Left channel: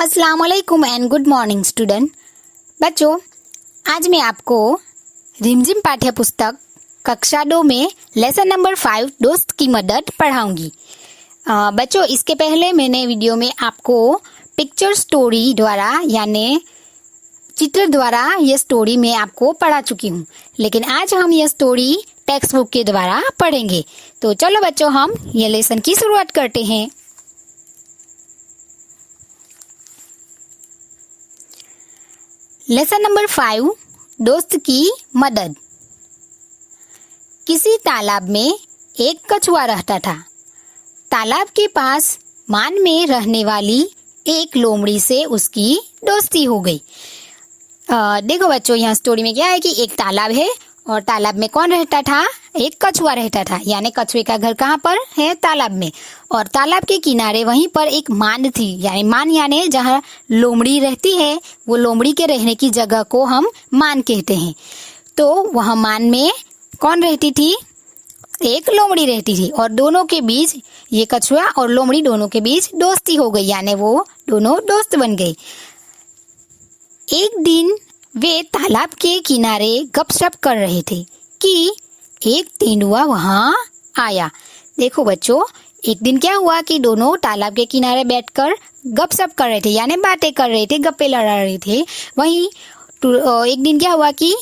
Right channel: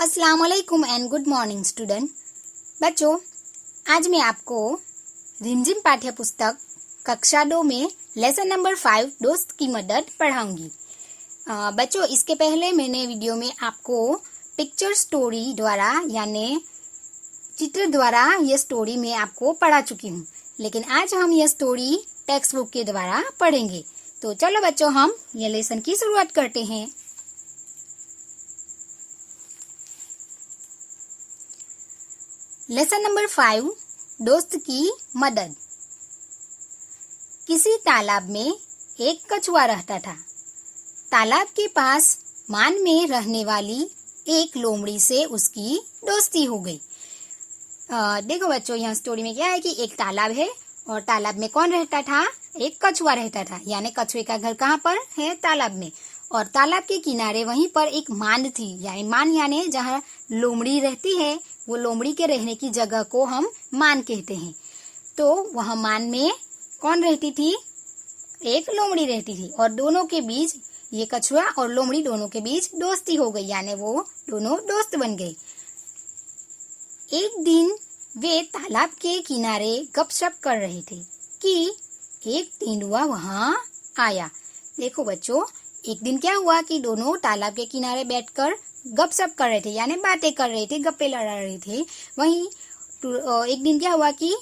अस्सलाम वालेकुम and good morning student. बच्चों, आज मैं आपको रिमझिम पाठ्य पुस्तक कक्षा 2 में लेसन नंबर 5 दोस्त की मदद पढ़ाऊंगी। बच्चों, इसके पहले मैंने वीडियो में आपको पिक्चर स्टोरी द्वारा यानी चित्र द्वारा ये स्टोरी मैं आपको पढ़ा चुकी हूँ, लेकिन आज हम ये स्टोरी टेक्स्ट बुक के द्वारा पढ़ेंगे। तो चलो बच्चों, हम ये लेसन की शुरुआत करते हैं। लेसन नंबर 5 दोस्त की मदद। किसी तालाब में एक कछुआ रहता था। तालाब के पास मान में रहने वाली एक लोमड़ी से उसकी दोस्ती हो गई। देखो बच्चों, यहाँ स्टोरी में क्या है कि एक तालाब है और तालाब में कौन रहता था? एक कछुआ रहता था। यानी कछुए का घर कहाँ पर है? तालाब में। और तालाब के किनारे वहीं पर एक मान थी, यानी मान यानी जहाँ लोमड़ी रहती है, वो लोमड़ी के रहने की जगह को हम मान कहते हैं। तो वह मान में कौन रहती थी? एक लोमड़ी रहती थी और दोनों के बीच, ये कछुआ और लोमड़ी दोनों के बीच दोस्ती हो गई, यानी वो दोनों दोस्त बन गए। एक दिन वे तालाब के किनारे गपशप कर रहे थे कि एक तेंदुआ वहां आया। देखो बच्चों, एक दिन क्या हुआ कि दोनों तालाब के किनारे बैठकर गपशप कर रहे थे, यानी बातें कर रहे थे, गप्पे लड़ा रहे थे। वहीं एक दिन क्या हुआ कि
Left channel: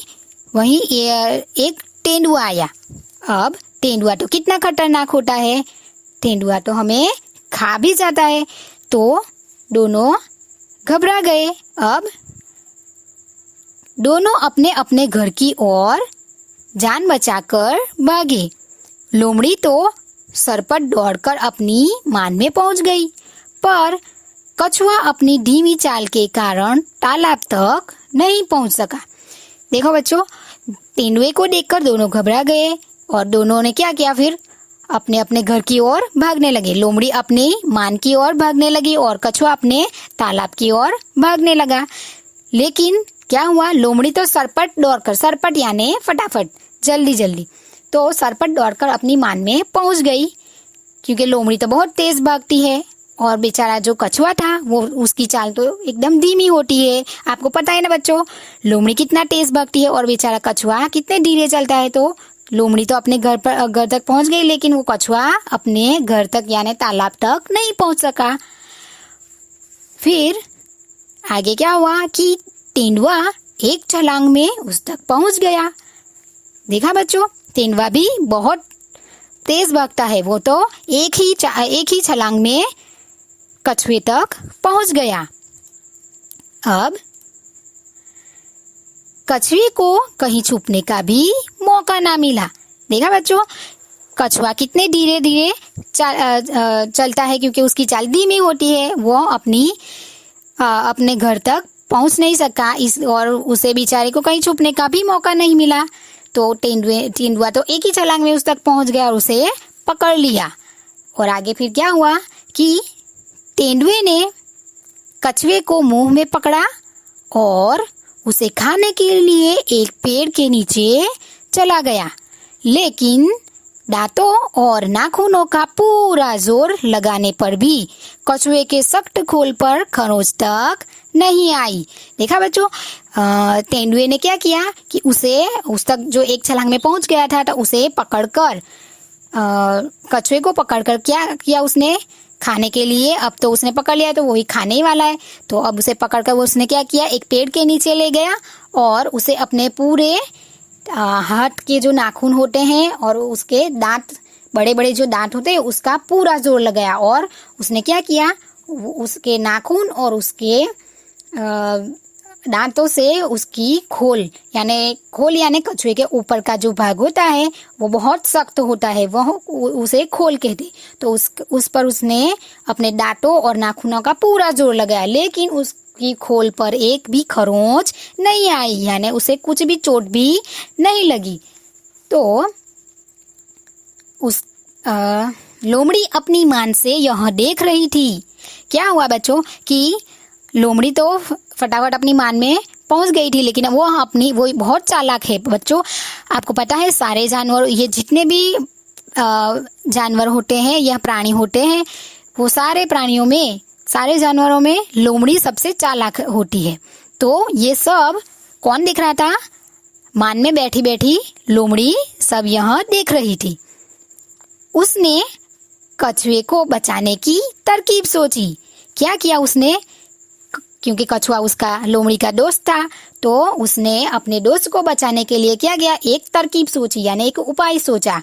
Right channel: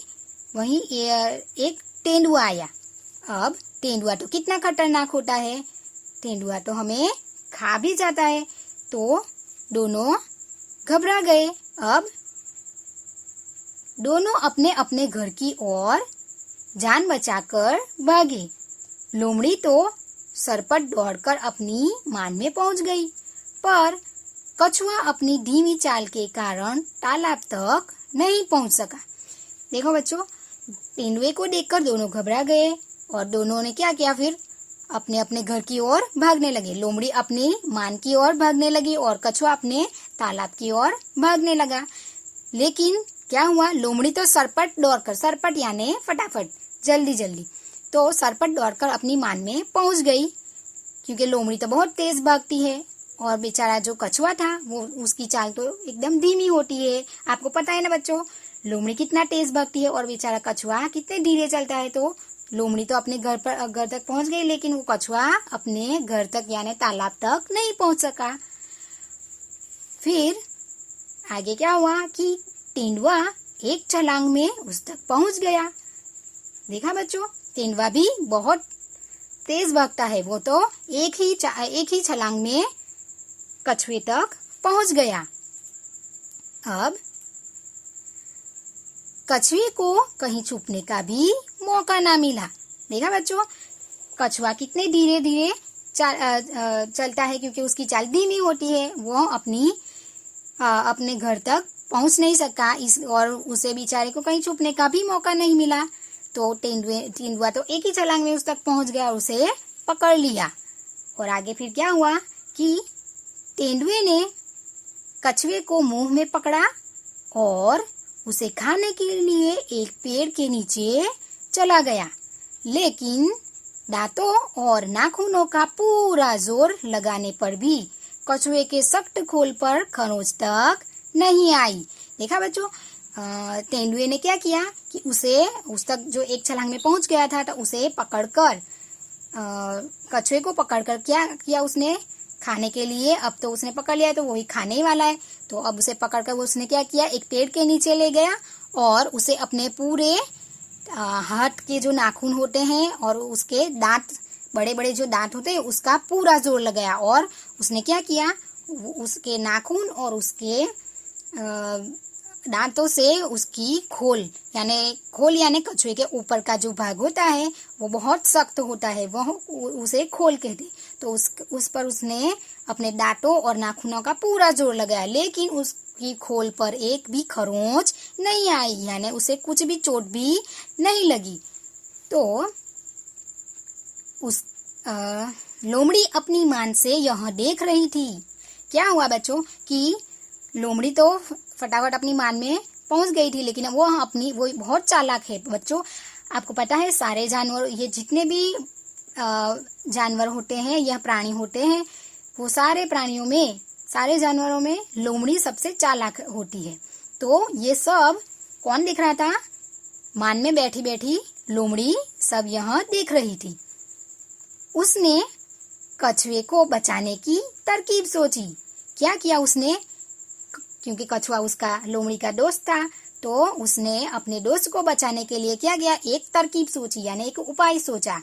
वहीं एक तेंदुआ आया। अब तेंदुआ तो कितना खतरनाक होता है, तेंदुआ तो हमें खा भी जाता है। तो दोनों घबरा गए। अब दोनों अपने अपने घर की ओर जान बचाकर भागे। लोमड़ी तो सरपट दौड़कर अपनी मान में पहुंच गई, पर कछुआ अपनी धीमी चाल के कारण तालाब तक नहीं पहुंच सका। देखो बच्चों, तेंदुए को देखकर दोनों घबरा गए और दोनों ने क्या किया? फिर अपने अपने घर की ओर भागने लगे। लोमड़ी अपने मान की ओर भागने लगी और कछुआ अपने तालाब की ओर भागने लगा। लेकिन क्या हुआ? लोमड़ी तो सरपट दौड़कर, सरपट यानी फटाफट, जल्दी जल्दी, तो सरपट दौड़कर अपनी मान में पहुंच गई, क्योंकि लोमड़ी तो बहुत तेज भागती है और बेचारा जो कछुआ था वो, उसकी चाल तो एकदम धीमी होती है। आपको पता है ना बच्चों, लोमड़ी कितना तेज भागती है और बेचारा कछुआ कितने धीरे चलता है। तो लोमड़ी तो अपने घर तक पहुंच गई, लेकिन वो कछुआ अपने घर तक यानी तालाब तक नहीं पहुंच सका। फिर आगे क्या हुआ कि तेंदुआ एक छलांग में उस तक पहुंच गया। देखा बच्चों, तेंदुआ भी बहुत तेज भागता है, वो तो एक ही छलांग में कछुए तक पहुंच गया। अब कछुए को कहीं छुपने का भी मौका ना मिला। देखा बच्चों, कछुआ कितने धीरे धीरे चलता है, क्योंकि उसकी चाल धीमी होती है। वो अपने घर तक पहुंच नहीं सका, और उसे बेचारे को कहीं छुपने का भी मौका नहीं मिला। तो तेंदुआ तो एक ही छलांग में उस तक पहुंच गया और उसे पकड़ लिया। और आगे फिर क्या हुआ कि तेंदुए ने कछुए को मुंह में पकड़ा और उसे खाने के लिए एक पेड़ के नीचे चला गया। लेकिन दांतों और नाखूनों का पूरा जोर लगाने पर भी कछुए के सख्त खोल पर खरोंच तक नहीं आई। देखा बच्चों, तेंदुए ने क्या किया कि उसे उस तक जो एक छलांग में पहुंच गया था, तो उसे पकड़कर, कछुए को पकड़कर क्या किया उसने? खाने के लिए। अब तो उसने पकड़ लिया तो वही खाने ही वाला है। तो अब उसे पकड़कर वो उसने क्या किया? एक पेड़ के नीचे ले गया और उसे अपने पूरे हाथ के जो नाखून होते हैं और उसके दांत, बड़े बड़े जो दांत होते हैं, उसका पूरा जोर लगाया। और उसने क्या किया? उसके नाखून और उसके दांतों से उसकी खोल यानी कछुए के ऊपर का जो भाग होता है वो बहुत सख्त होता है, वह उसे खोल कहते। तो उस पर उसने अपने दांतों और नाखूनों का पूरा जोर लगाया, लेकिन उसकी खोल पर एक भी खरोंच नहीं आई, यानी उसे कुछ भी चोट भी नहीं लगी। तो उस लोमड़ी अपनी मान से यह देख रही थी। क्या हुआ बच्चों कि लोमड़ी तो फटाफट अपनी मान में पहुंच गई थी, लेकिन वो बहुत चालाक है बच्चों। आपको पता है, सारे जानवर, ये जितने भी जानवर होते हैं या प्राणी होते हैं, वो सारे प्राणियों में सारे जानवरों में लोमड़ी सबसे चालाक होती है। तो ये सब कौन देख रहा था? मान में बैठी बैठी लोमड़ी सब यह देख रही थी। उसने कछुए को बचाने की तरकीब सोची। क्या किया उसने? क्योंकि कछुआ उसका लोमड़ी का दोस्त था, तो उसने अपने दोस्त को बचाने के लिए क्या किया? एक तरकीब सोची, यानी एक उपाय सोचा।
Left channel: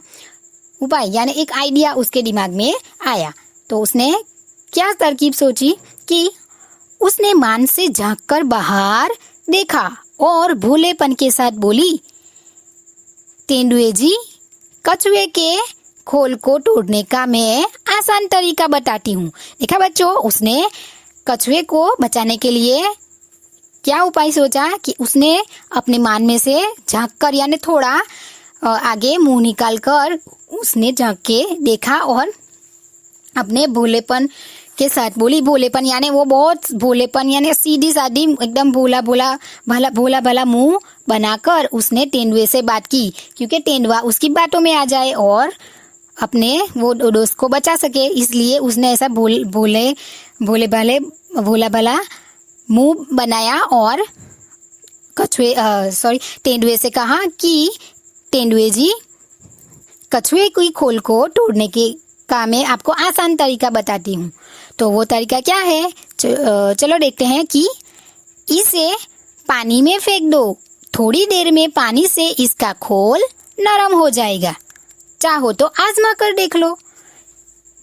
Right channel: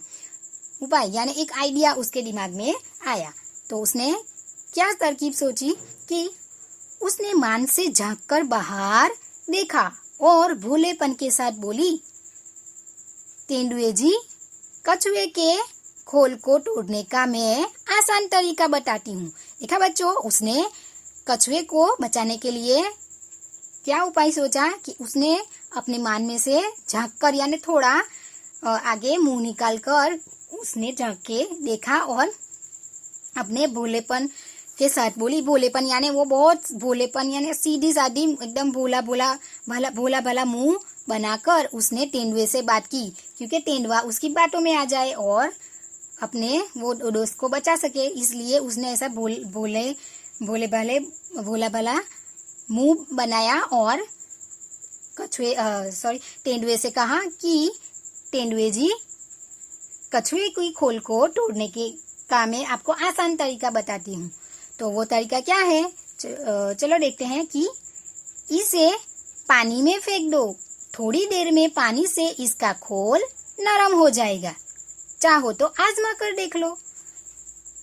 उपाय यानी एक आइडिया उसके दिमाग में आया। तो उसने क्या तरकीब सोची कि उसने मान से झांककर बाहर देखा और भोलेपन के साथ बोली, तेंदुए जी, कछुए के खोल को तोड़ने का मैं आसान तरीका बताती हूँ। देखा बच्चों, उसने कछुए को बचाने के लिए क्या उपाय सोचा कि उसने अपने मान में से झांककर यानी थोड़ा आगे मुंह निकाल कर उसने झांक के देखा और अपने भोलेपन के साथ बोली। भोलेपन यानी वो बहुत भोलेपन यानी सीधी सादी एकदम भोला भला मुंह बनाकर उसने तेंदुए से बात की, क्योंकि तेंदुआ उसकी बातों में आ जाए और अपने वो दोस्त को बचा सके। इसलिए उसने ऐसा भोला भला मुंह बनाया और तेंदुए से कहा कि तेंदुए जी, कछुए की खोल को तोड़ने के का मैं आपको आसान तरीका बताती हूँ। तो वो तरीका क्या है? चलो देखते हैं कि इसे पानी में फेंक दो, थोड़ी देर में पानी से इसका खोल नरम हो जाएगा, चाहो तो आजमा कर देख लो।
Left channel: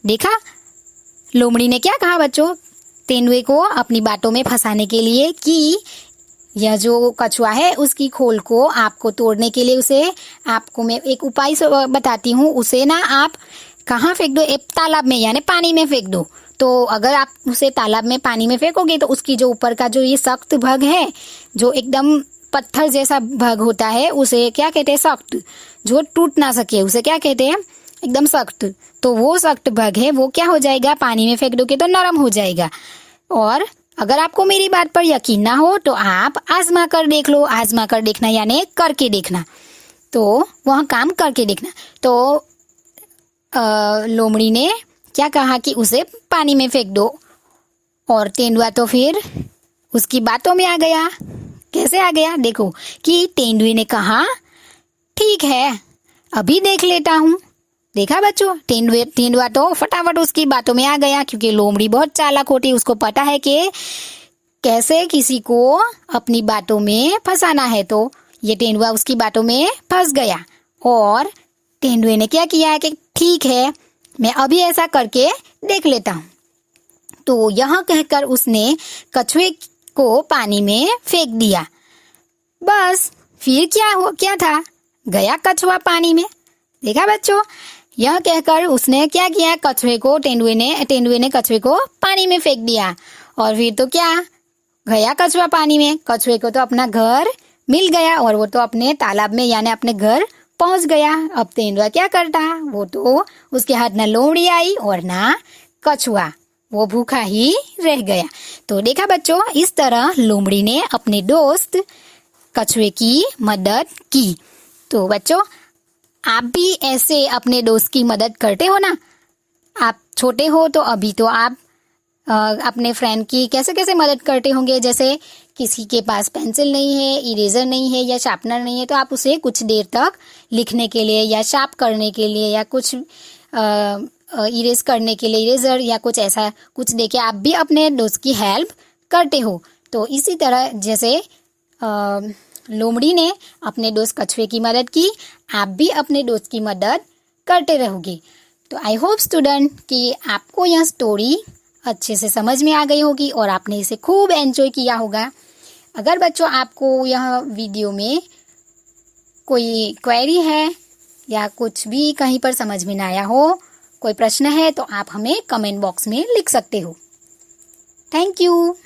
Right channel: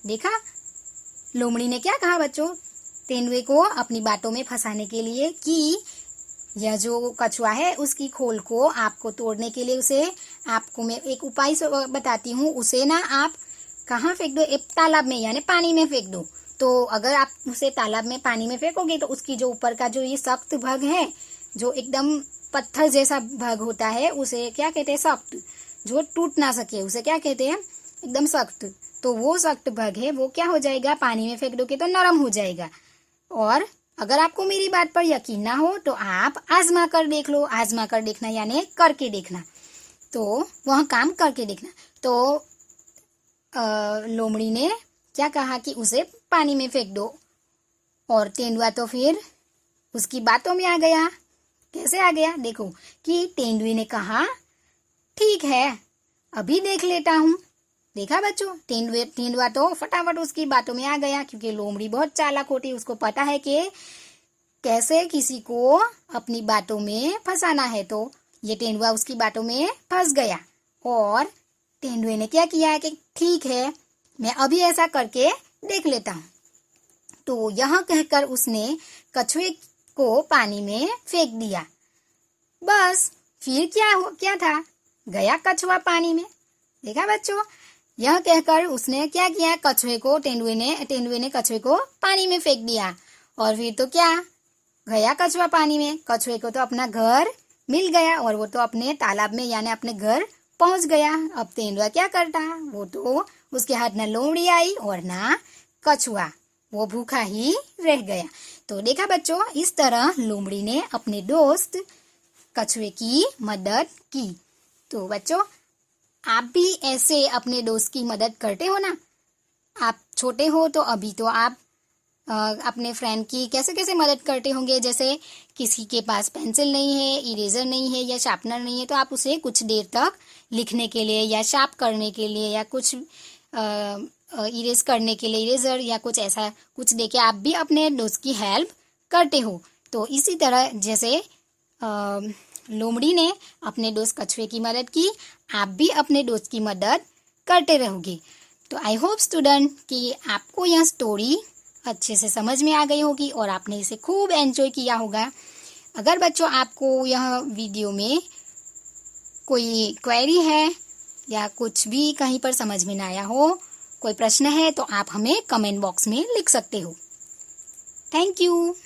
देखा लोमड़ी ने क्या कहा बच्चों तेंदुए को अपनी बातों में फंसाने के लिए कि यह जो कछुआ है उसकी खोल को आपको तोड़ने के लिए उसे आपको मैं एक उपाय बताती हूँ। उसे ना आप कहाँ फेंक दो? एक तालाब में यानी पानी में फेंक दो। तो अगर आप उसे तालाब में पानी में फेंकोगे तो उसकी जो ऊपर का जो ये सख्त भाग है, जो एकदम पत्थर जैसा भाग होता है, उसे क्या कहते हैं? सख्त, जो टूट ना सके उसे क्या कहते हैं? एकदम सख्त। तो वो सख्त भाग है वो क्या हो जाएगा? पानी में फेंक दोगे तो नरम हो जाएगा। और अगर आपको मेरी बात पर यकीन ना हो तो आप आजमा कर देख लो। आजमा कर देखना यानी करके देखना, तो वह काम करके देखना। तो लोमड़ी ने क्या कहा कि उसे पानी में फेंक दो, और तेंदुआ तो फिर उसकी बातों में आ गया। कैसे आ गया? देखो कि तेंदुए ने कहा, ठीक है, अभी देख लेता हूँ। देखा बच्चों, तेंदुआ तो फटाफट उसकी बातों में आ गया, क्योंकि लोमड़ी बहुत चालाक होती है, उसको पता है कि कैसे किसी को अपनी बातों में फंसाना है। तो ये तेंदुआ उसकी बातों में फंस गया और तेंदुए ने क्या किया कि ठीक है, मैं अभी ऐसा करके देख लेता हूँ। तो यह कहकर उसने कछुए को पानी में फेंक दिया। बस फिर क्या था? गया कछुआ पानी में। देखा बच्चों, यह कहकर उसने क्या किया? कछुए को तेंदुए ने कछुए को पानी में फेंक दिया। और फिर तो क्या? गया कछुआ पानी में। कछुए को तो अपना घर मिल गया और वो तो अपने तालाब में यानी अपने घर पहुंच गया। अब तेंदुआ क्या करता? वो तो उसके हाथ ना लोमड़ी आई और ना कछुआ, वो भूखा ही रह गया। तो देखा बच्चों, इस तरह लोमड़ी ने अपने दोस्त कछुए की मदद की। तो बच्चों, आप भी ऐसे अपने दोस्त की मदद करते हो ना? आप छोटे हो तो अभी तो आप अपने फ्रेंड की कैसे कैसे मदद करते होंगे। जैसे किसी के पास पेंसिल नहीं है, इरेजर नहीं है या शार्पनर नहीं है, तो आप उसे कुछ देर तक लिखने के लिए या शार्प करने के लिए या कुछ इरेज करने के लिए इरेजर या कुछ ऐसा कुछ देके आप भी अपने दोस्त की हेल्प करते हो। तो इसी तरह जैसे लोमड़ी ने अपने दोस्त कछुए की मदद की, आप भी अपने दोस्त की मदद करते रहोगे। तो आई होप स्टूडेंट कि आपको यह स्टोरी अच्छे से समझ में आ गई होगी और आपने इसे खूब एंजॉय किया होगा। अगर बच्चों आपको यह वीडियो में कोई क्वेरी है या कुछ भी कहीं पर समझ में ना आया हो, कोई प्रश्न है, तो आप हमें कमेंट बॉक्स में लिख सकते हो। Thank you.